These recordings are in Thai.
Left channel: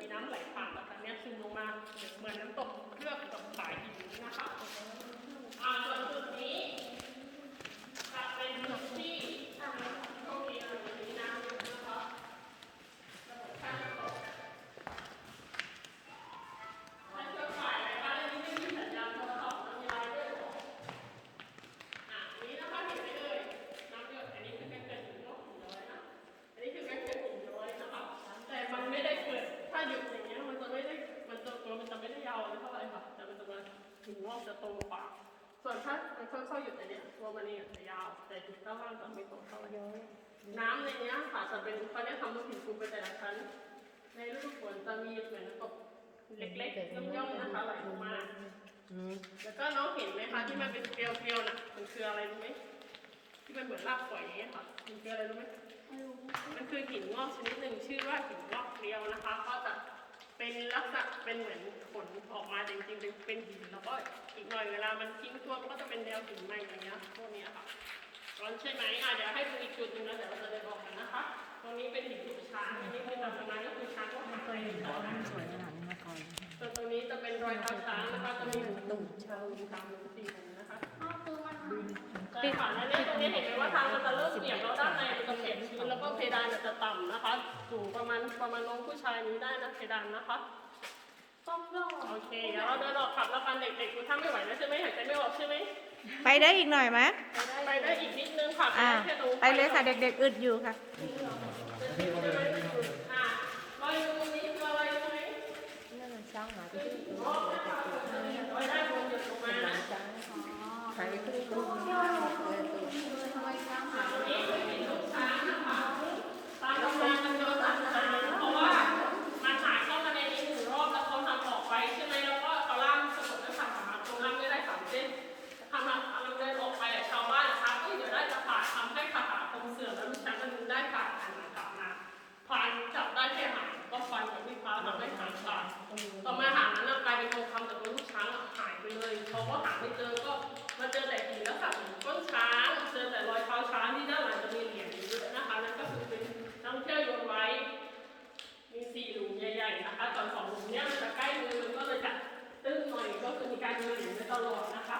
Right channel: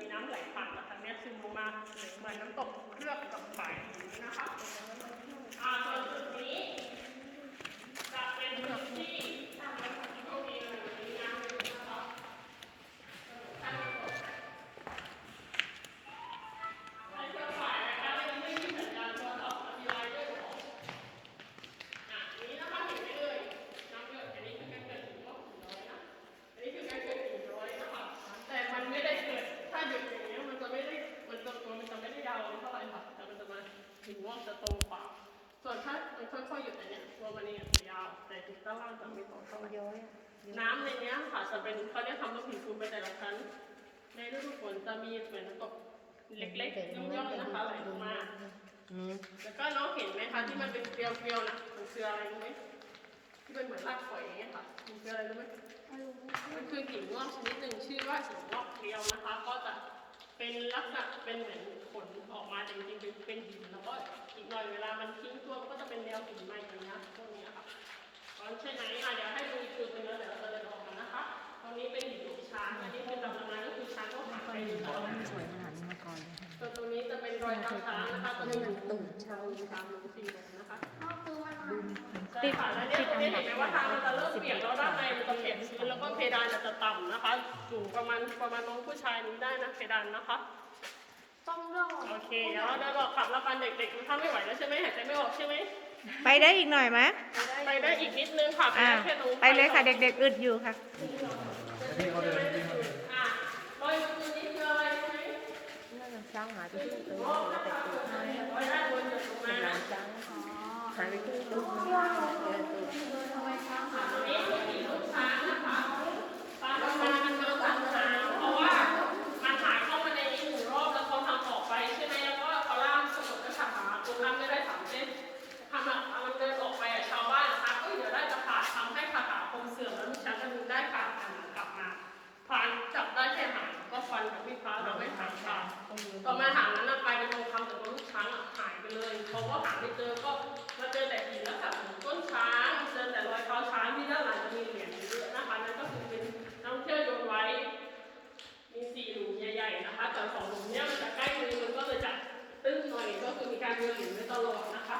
มีน้ำไหลผ่านจากทางนี้ซึมลงมาเหมือนน้ำตกเลือกกับฝายหินนะคะอ่าส่วน หินงจะโตกว่า ส่วนถ้ามันค่อยๆหยุดอย่างเงี้ยตัวมันเองจะยาว แต่จุดด้านล่างจะไม่โตเท่าไหร่น้ำในเนี้ยค่ะจะเป็นเขาเรียกทำลูกหินปูนไปแต่ละชั้น ในฤดูฝนจะมีเหมือนน้ำตกเล็กๆย่อมๆนะคะไหลลงมาแล้วก็น้องเห็นไหมคะที่มันเป็นเกลียวๆนะมันคืออะไรรู้ไหมที่มันเหมือนรากฝอยอย่างเงี้ยค่ะมันคืออะไรรู้ไหมมันคือหินงอกชนิดหนึ่งชื่อว่าหินงอกเกลียวนะคะ ก็จะ เป็นลักษณะเป็นเหมือนขนออกมาแต่จริงๆเป็นเป็นหินแล้วก็อีกหน่อยเวลามันทิ้งตัวมันก็จะเป็นแนวหินใหม่อย่างเงี้ยพวกเนี้ยค่ะร้อนใช่ไหมอะเดี๋ยวให้ดูอีกจุดหนึ่งแล้วเดี๋ยวเราจะได้บอกกันนะคะตรงนี้เป็นหินช้างอันนี้คือตำนานก็คือช้างก็หายไปในตลาดสวยขนาดนี้มาก่อนตรงนี้จะเป็นรอยเท้าช้างนะคะจะมีหนึ่งตุ่มชองตามลงสีตรงนี้ นะคะใช่ค่ะแล้วเนี่ยตรงนี้เห็นไหมว่าทางมันจะเริ่มเบี่ยงแล้วด้านในมันจะเข็มชื้นแล้วก็เพดานมันจะต่ำนะคะสูงประมาณประมาณน้องผู้ชายนี้ได้นะเพดานนะคะต้องรอโอเคเดี๋ยวเราเดินออกกลับแล้วกันเด็กๆถ้าไม่ไหวแล้วใช่ไหมหายใจไม่ออกใช่ไหมไปได้อีกหน่อยไหมไปได้อีกนิดนึงค่ะอ่าแค่ตรงไปเลยค่ะเด็กๆอึดอยู่ค่ะอะรอยตรงนี้คืออะไรใช่ไหม นั่นช้างหายไปที่ตรง รอบนะคะรอยด้านบนหยดลงมานะ ช้างหายไปที่ ตู้เจอตู้ทำไมช้างหายไปช้างนะคะตามตำนานมันเยอะตั้งนานเพราะว่ามันหายเข้ามาในนี้หนึ่งรอบแล้วเขาทำออกไปใช่ไหมแล้วก็เอาล่ามสมุดก็ขาดหาตรงล่ามไม่ได้สามเส้นทำอะกำลังเดินออกไปอะชาวบ้านทักเอ้ยเดี๋ยวได้จะขาดทำให้ขาขาคมเสื่อมแล้วลูกช้างจะดึงได้ขาดหันกลับมาพานจับได้แค่หางก็ฟันกับมีดพร้าวทำให้หางขาดต่อมาหางนั้นอะกลายเป็นทองคำแต่ตัวลูกช้างอะหายไปเลยเพราะว่าหาไม่เจอก็ ตอนสองหลุมเนี้ยมันจะใกล้มือมันก็เลยจะตื้นหน่อยก็คือมีการโยนเหรียญไว้ตลอดนะคะ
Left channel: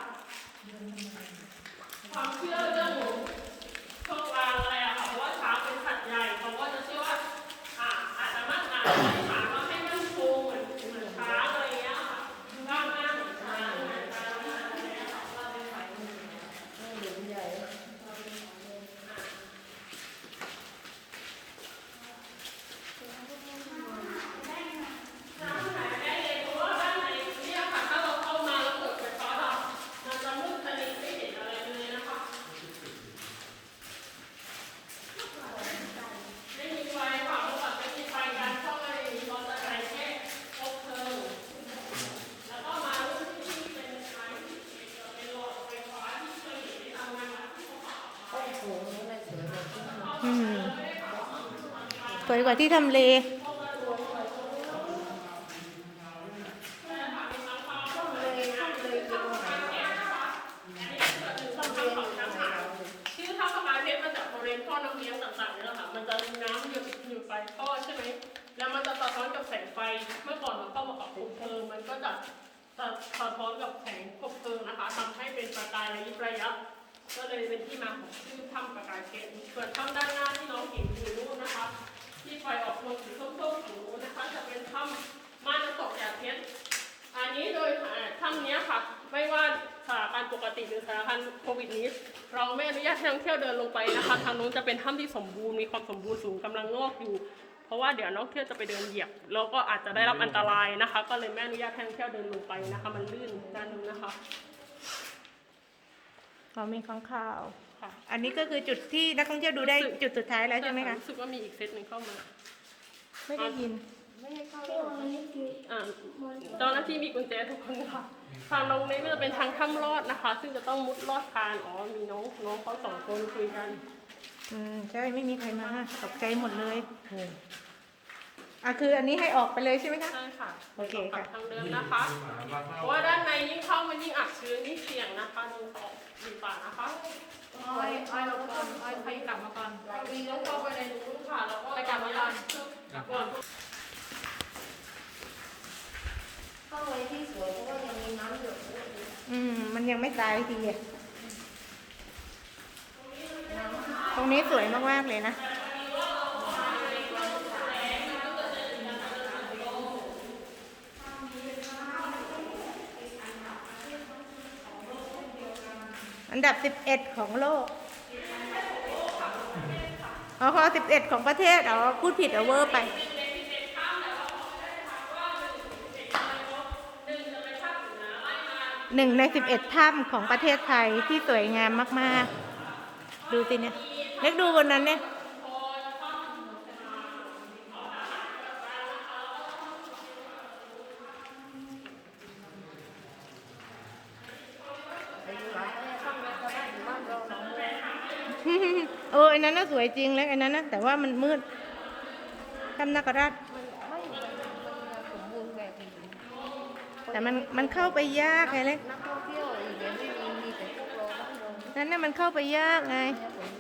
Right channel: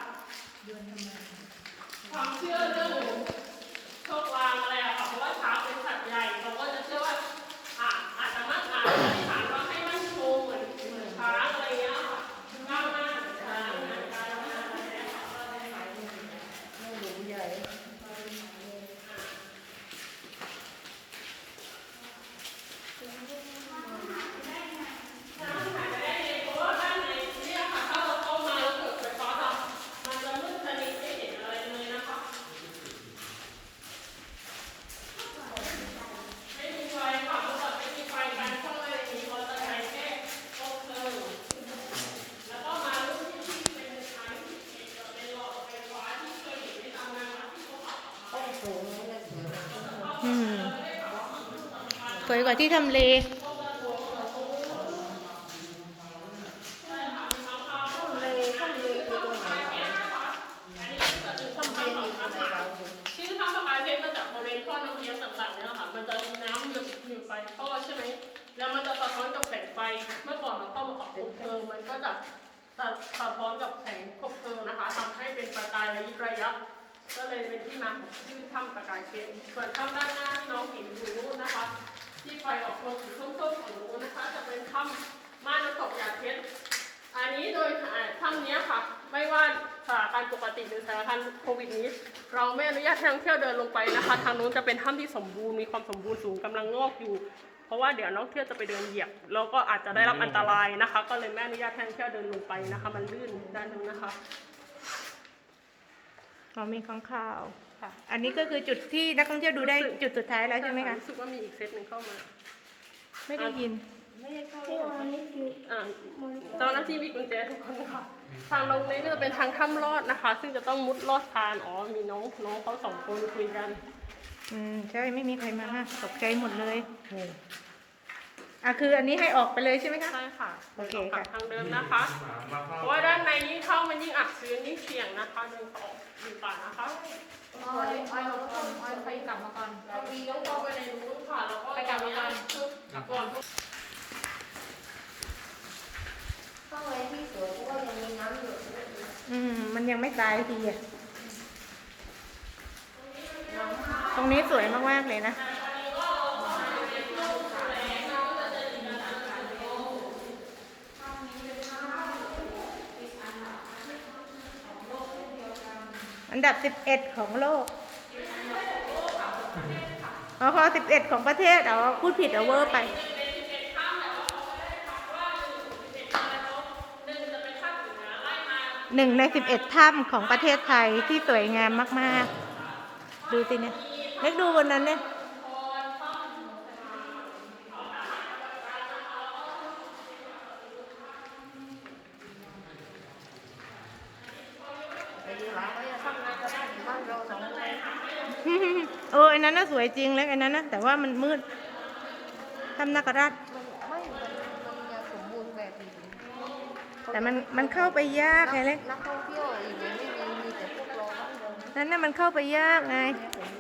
ความเชื่อเรื่องโชคลางอะไรอะค่ะเพราะว่าช้างเป็นสัตว์ใหญ่เขาก็จะเชื่อว่าอ่าอาจจะมั่นอาจจะไม่ผ่านว่าให้มั่นคงเหมือนเหมือนช้างอะไรเงี้ยค่ะก้าวหน้าเหมือนช้างเหมือนการอะไรเงี้ยค่ะก็เลยไป หลุมใหญ่ น้ำหายไปได้เลยเพราะว่าด้านในเนี่ยค่ะถ้าเราเข้ามาแล้วเกิดไฟฟ้าดับมันจะมืดสนิทไม่เห็นอะไรเลยนะคะ ไม่มีไฟค่ะเมื่อก่อนไม่มีไฟการเข้ามาในนี้เราจะใช้แค่คบเพลิงแล้วก็มารุ่นที่เป็นไฟที่เป็นหลอดไฟฟ้าที่เคยเห็นในตามงานวัดที่เขาบอก โอ้โหนี่เลยสวยเลยอืม สวยกว่าที่ทำเลชื่อท่าประกายเพชรมาจากบริเวณท่อน้ำเลี้ยงต่างๆเนี่ยค่ะ มันจะมีน้ำหยดอยู่ไปท่อใช่ไหม แล้วมันจะสะท้อนกับแสงไฟ เมื่อก่อนเราเข้ามาปักคบเพลิง มันก็จะสะสะท้อนกับแสงคบเพลิงนะคะทำให้เป็นประกายระยิบระยับ ก็เลยเป็นที่มาของชื่อถ้ำประกายเพชรส่วนถ้ำด้านหน้าที่น้องเห็นอยู่นู่นนะคะ ที่ไฟออกลงสีส้มๆของนู้นนะคะ จะเป็นถ้ำม่านน้ำตกหยาดเพชรอันนี้โดยถ้ำนี้ค่ะ ไม่ว่าสถานการณ์ปกติหรือสถานการณ์โควิดนี้ เราไม่อนุญาตให้นักท่องเที่ยวเดินลงไปนะคะ ทางนู้นจะเป็นถ้ำที่สมบูรณ์มีความสมบูรณ์สูงกำลังงอกอยู่ เพราะว่าเดี๋ยวนักท่องเที่ยวจะไปเดินเหยียบแล้วก็อาจจะได้รับอันตรายนะคะ ก็เลยไม่อนุญาตให้นักท่องเที่ยวเดินลงไปนะคะ มันลื่นด้านนู้นนะคะ เขามีข้างข่าว ค่ะอันนี้ก็คือจุดที่นักท่องเที่ยวดูได้จุดสุดท้ายแล้วใช่ไหมคะ รู้สึกว่ามีอีกเซตหนึ่งเข้ามา ไม่ได้ยิน ไม่ได้เข้าเลยอันนี้คืออ่าเจ้าหน้าที่มีกุญแจทุกคนค่ะ ทางลงนี้ก็จะเป็นทางถ้ำลอดนะคะ ซึ่งจะต้องมุดลอดคานอ๋อมีน้องน้องเขาสองคนคุยกันอืมใช่ไม่มีใครมาตกใจหมดเลยอะคืออันนี้ให้ออกไปเลยใช่ไหมคะ ใช่ค่ะโอเคค่ะ ทางเดินนะคะ เพราะว่าด้านในยิ่งเข้ามันยิ่งอับชื้นยิ่งเสี่ยงนะคะหนึ่งสอง สี่ป่านะคะอ้อยอ้อยเราก็ต้องอ้อยไปกลับมาก่อนเราวีต้องเข้าไปในนู้นค่ะแล้วก็ไปกลับมาก่อนชุดก่อนางในที่สวยเพราะว่ายังมีน้ำหยดด้วยอืม มันยังไม่ตายทีอะน้ำตรงนี้สวยมากๆเลยนะ อันดับ 11 ของโลกอ๋อขอ11 ของประเทศ อ๋อ พูดผิดเอาเวอร์ไปหนึ่งใน 11 ถ้ำของประเทศไทยที่สวยงามมาก ๆ ดูสิเนี่ย เล็กดูบนนั้นเนี่ย ไปดูหลายก็ยังข้างในก็ได้น้ำเร็วของเลย เออไอ้ นั้นน่ะสวยจริงแล้วไอ้นั้นนะแต่ว่ามันมืดทำนาคราชมันไม่มันมันยังสมบูรณ์แบบอยู่แต่มันมันเข้าไปยากไงเล็กนักท่องเที่ยวอีกอย่างไม่มีมีแต่พวกเราบ้านเราเนี่ยนั่นน่ะมันเข้าไปยากไงสมบูรณ์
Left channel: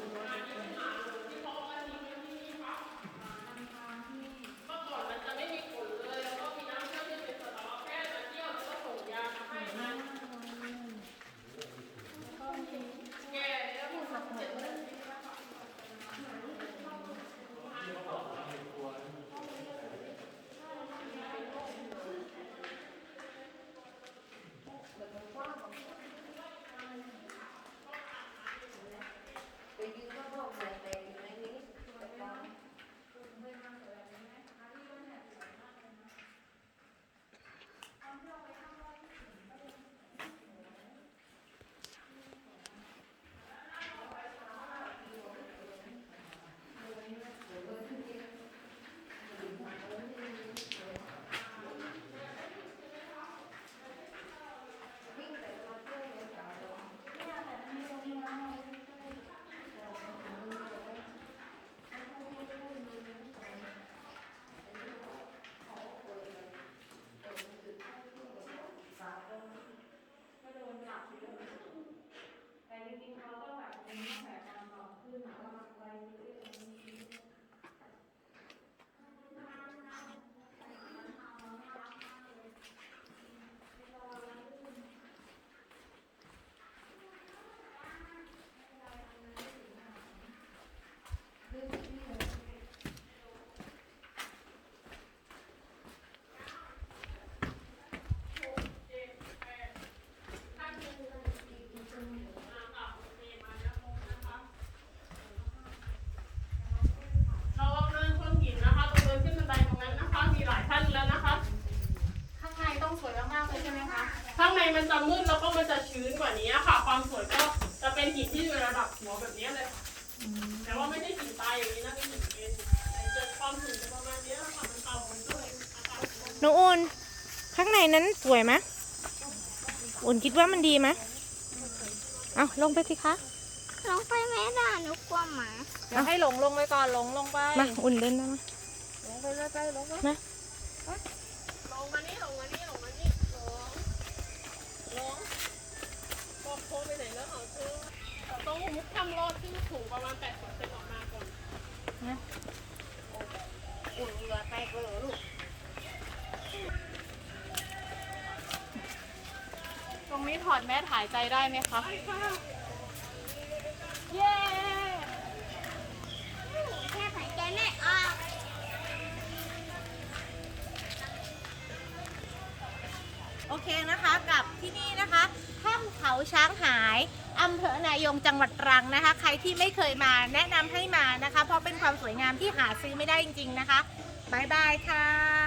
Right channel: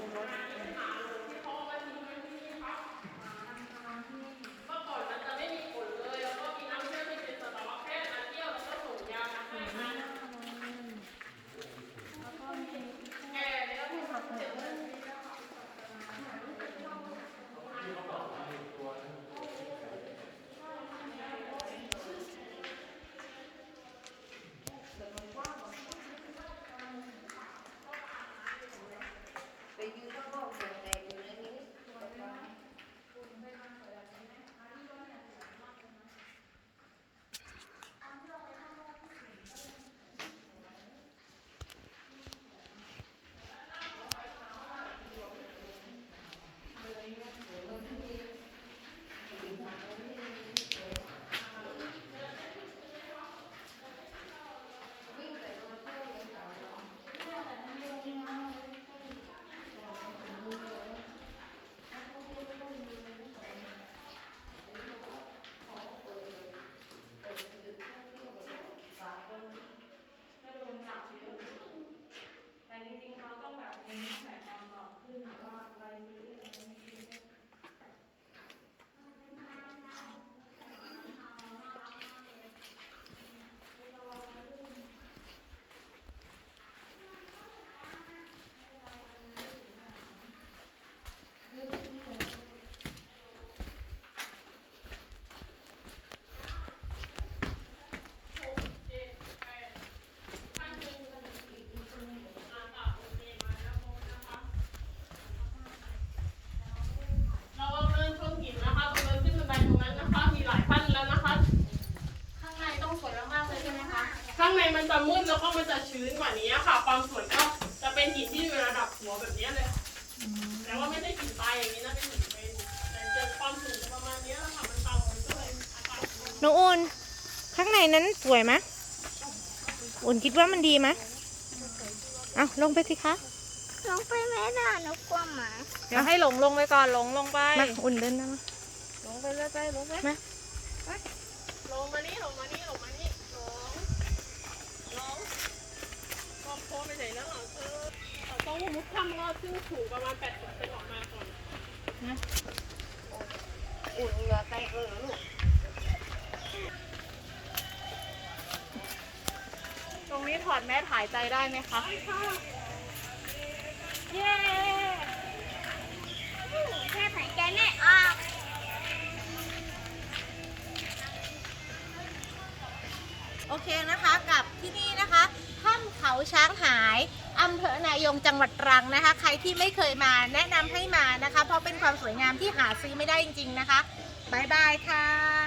นกว่านี้ค่ะ ความสวยก็จะเป็นหินที่อยู่ระดับหัวแบบนี้เลย แต่ว่าไม่ใช่หินตายอย่างนี้นะเป็นหินเป็นแต่จะความสูงจะประมาณนี้แหละค่ะมันเก่ามันก็เลยอากาศมันน้องอุ่นข้างในนั้นสวยไหมอุ่นคิดว่ามันดีไหมเอาลงไปสิคะลงไปไม่ได้หนูกลัวหมาเดี๋ยวให้หลงลงไปก่อนหลงลงไปมาอุ่นเดินนะมาลงไปไปไปลงไปมาลงมานี่ลงมานี่ลงมานี่ลงลงลงโค้งไปไหนแล้วเออ เราต้องมุดถ้ำรอดซึ่งสูงประมาณ80เซนออกมาก่อนอุ่นเหงื่อแตกเลยเหรอลูกตรงนี้ถอดแมสหายใจได้ไหมคะ เย้ โอเคนะคะกับที่นี่นะคะถ้ำเขาช้างหายอำเภอนายงจังหวัดตรังนะคะ ใครที่ไม่เคยมาแนะนำให้มานะคะ เพราะเป็นความสวยงามที่หาซื้อไม่ได้จริง ๆนะคะบายบายค่ะ